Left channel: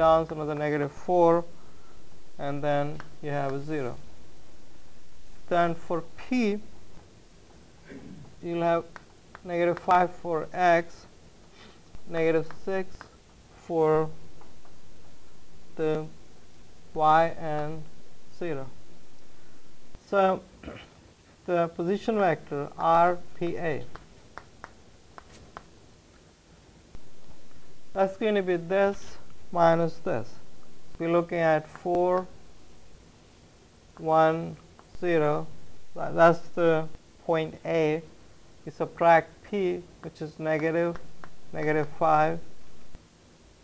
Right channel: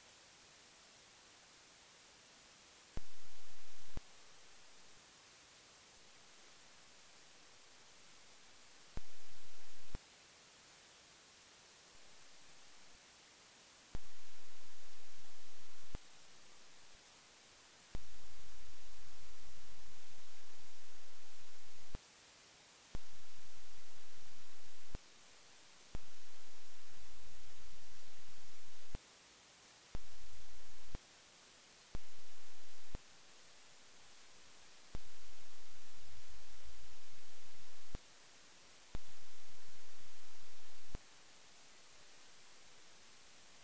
down, so another negative 4, and then you have a 0. Then for P, you'll have negative 5 for X, negative 6 for the Y, and 0. So the position vector RPA, that's going to be this minus this. We're looking at 4, 1, 0. That's the point A. You subtract P, which is negative 5.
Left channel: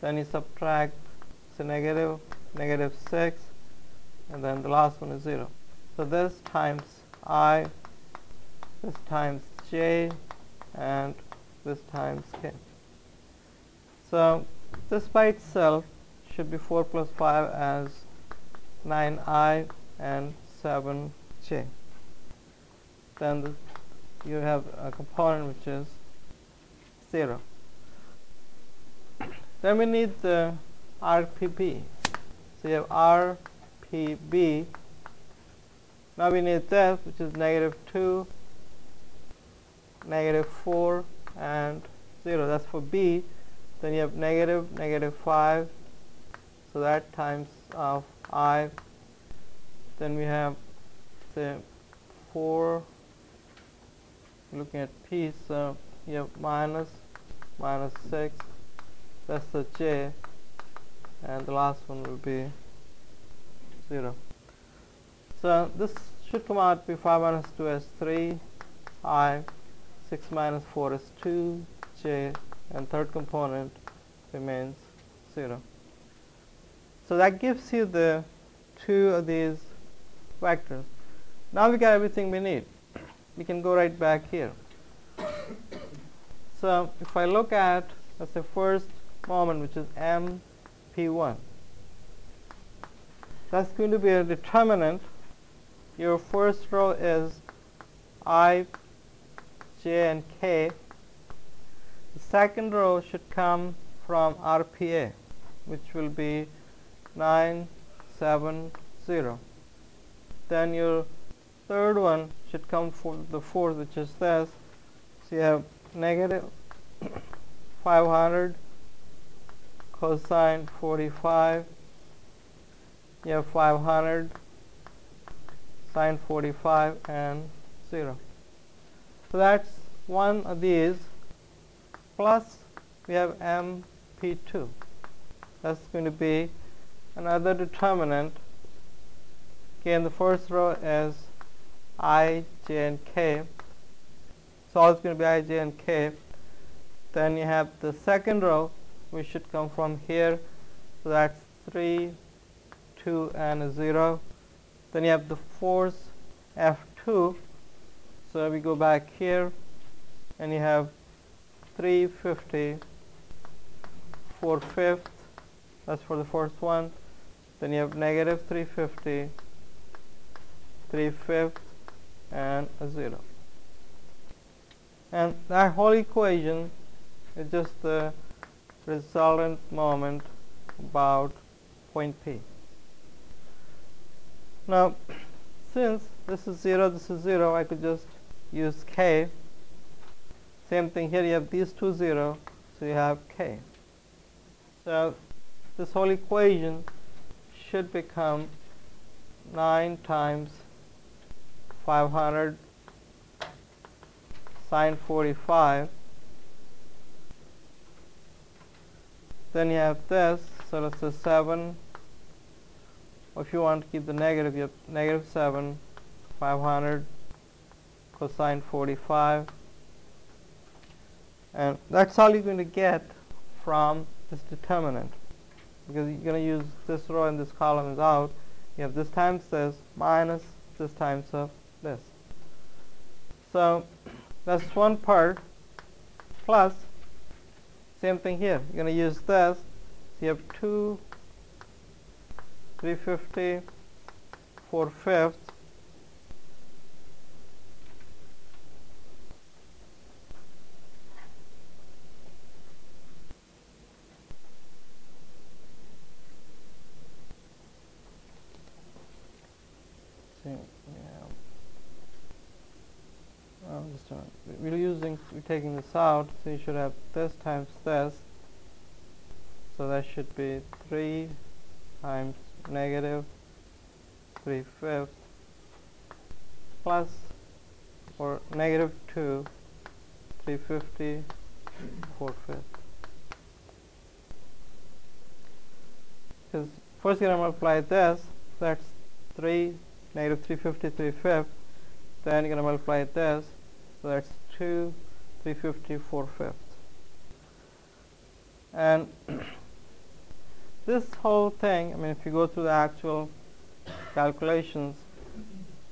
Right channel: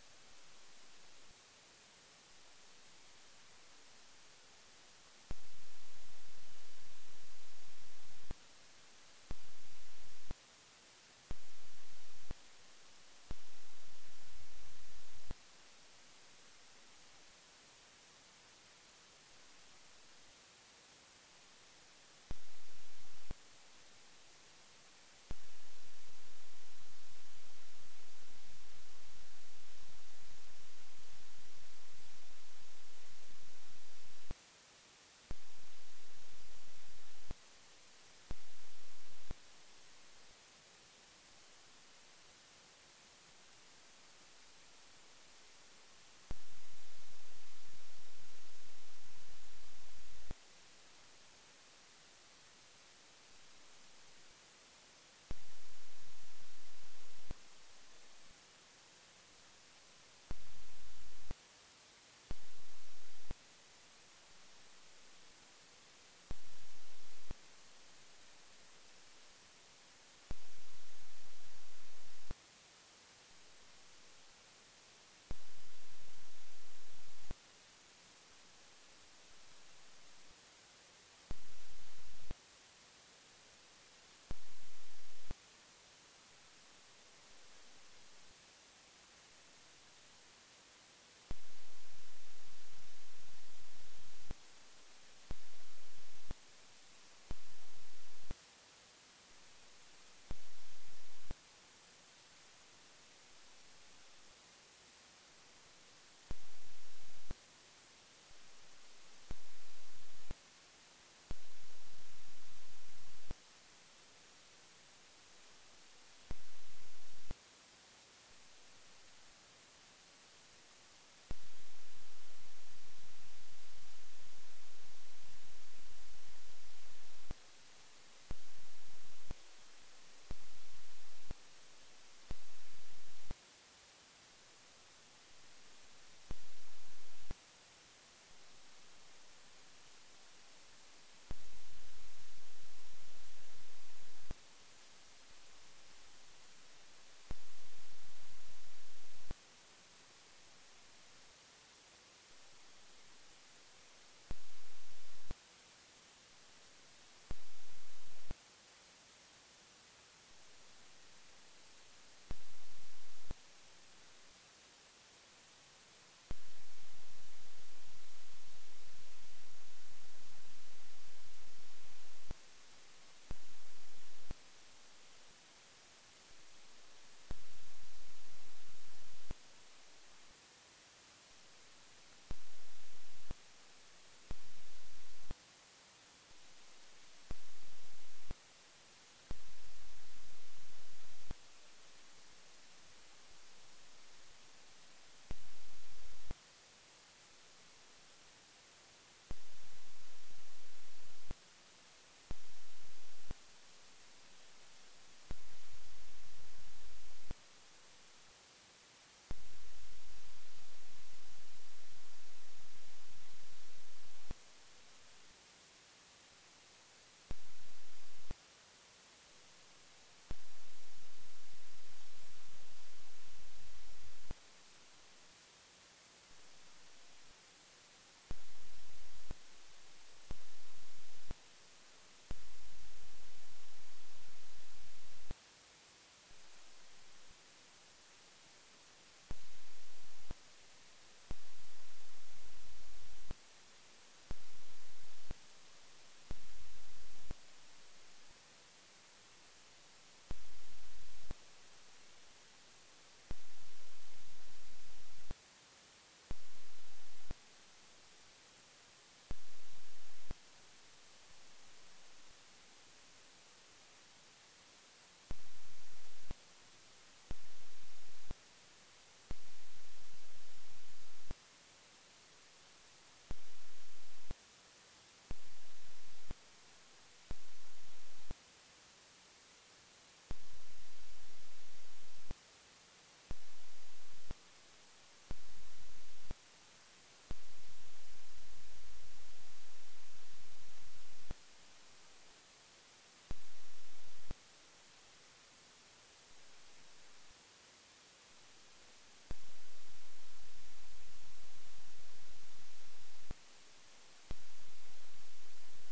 Then you subtract the negative 6, and then the last one is 0. So this times I, this times J, and this times K. So this by itself should be 4 plus 5 as 9I and 7J. Then you have a component which is 0. Then we need the RPB. So you have RPB. Now we need this, which is negative 2, negative 4, and 0. That's for B. Then you have negative 5. So that times of I. Then we have the 4. Looking at P, so you have minus 6. That's the J, and the last one will be 0. So this should come out to be 5 minus 2 as 3, I, 6 minus 4 is 2, J, and third component remains 0. So that gives you the two of these vectors. Now we got everything we need. We can go right back here. So if I look at, let's say, first moment, which is MP1, that's going to be a determinant. Your first row is I, J, and K. The second row should come from RPA, which will be 9, 7, 0. Then your third one should come from the fourth, which is this. So you have negative 500 cosine 45. You have 500 sine 45 and 0. So that's one of these. Plus we have MP2. That's going to be another determinant. Again, the first row is I, J, and K. So all it's going to be I, J, and K. Then you have the second row, which should come from here. So that's 3, 2, and a 0. Then you have the force F2. So we go back here, and you have 350 4/5. That's for the first one. Then you have negative 350 3/5 and a 0. And that whole equation is just the resultant moment about point P. Now, since this is 0, this is 0, I could just use K. Same thing here, you have these two 0, so you have K. So this whole equation should become 9 times 500 sine 45. Then you have this, so let's say 7. Or if you want to keep the negative, you have negative 7, 500 cosine 45. And that's all you're going to get from this determinant, because you're going to use this row and this column is out. You have this times this minus this times of this. So that's one part. Plus, same thing here. You're going to use this. You have 2 350 4/5. this out, so you should have this times this, so that should be 3 times negative 3/5 plus, or negative 2 350 4/5. Because first you're going to multiply this, that's 3 negative 350 3/5, then you're going to multiply this, so that's 2 350 4/5. And this whole thing, I mean, if you go through the actual calculations,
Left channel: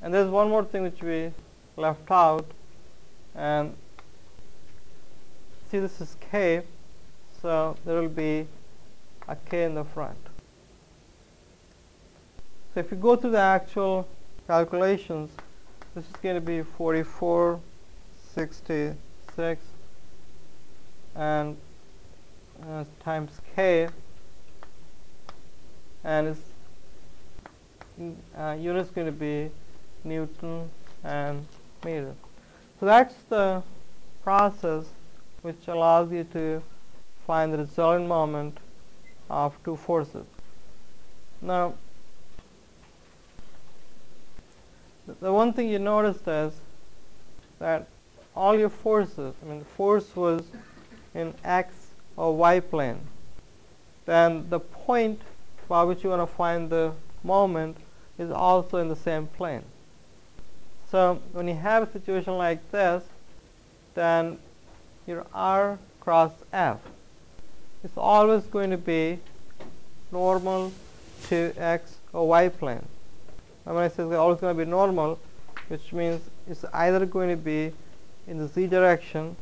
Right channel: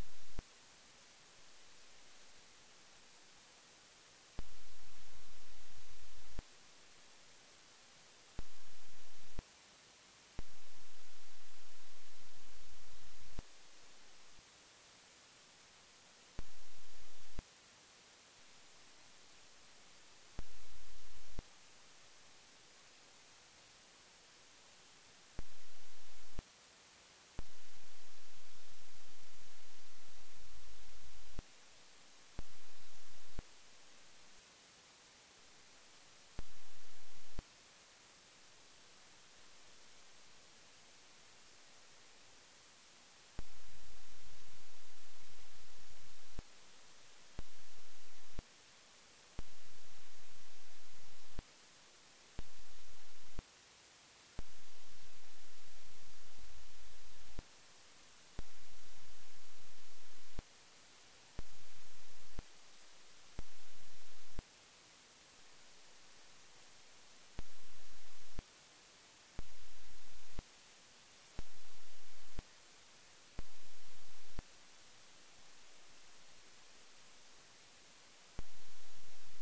and there's one more thing which we left out, and see, this is k, so there will be a k in the front. So if you go through the actual calculations, this is going to be 4466 and times k, and its unit is going to be Newton and meter. So that's the process which allows you to find the resultant moment of two forces. Now, the one thing you noticed is that all your forces, I mean, the force was in x or y plane, then the point by which you want to find the moment is also in the same plane. So when you have a situation like this, then your r cross f is always going to be normal to x or y plane. And when I say it's always going to be normal, which means it's either going to be in the z direction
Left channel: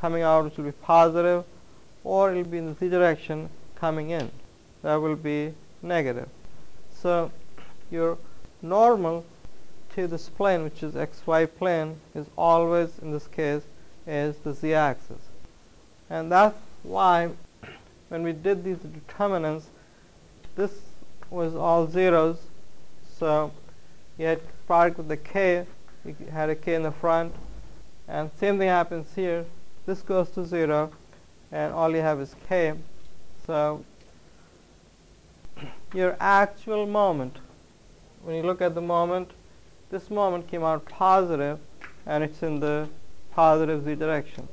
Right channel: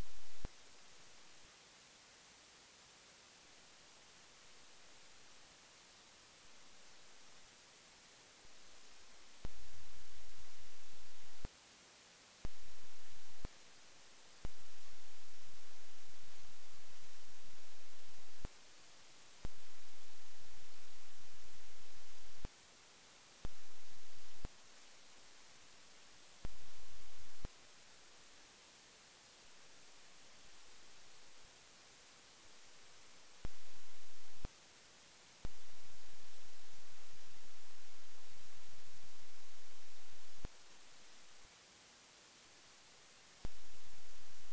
coming out, which will be positive, or it will be in the z direction coming in, that will be negative. So your normal to this plane, which is xy plane, is always, in this case, is the z-axis. And that's why when we did these determinants, this was all zeros, so you had product with the k, you had a k in the front, and same thing happens here. This goes to 0, and all you have is k. So your actual moment, when you look at the moment, this moment came out positive, and it's in the positive z direction.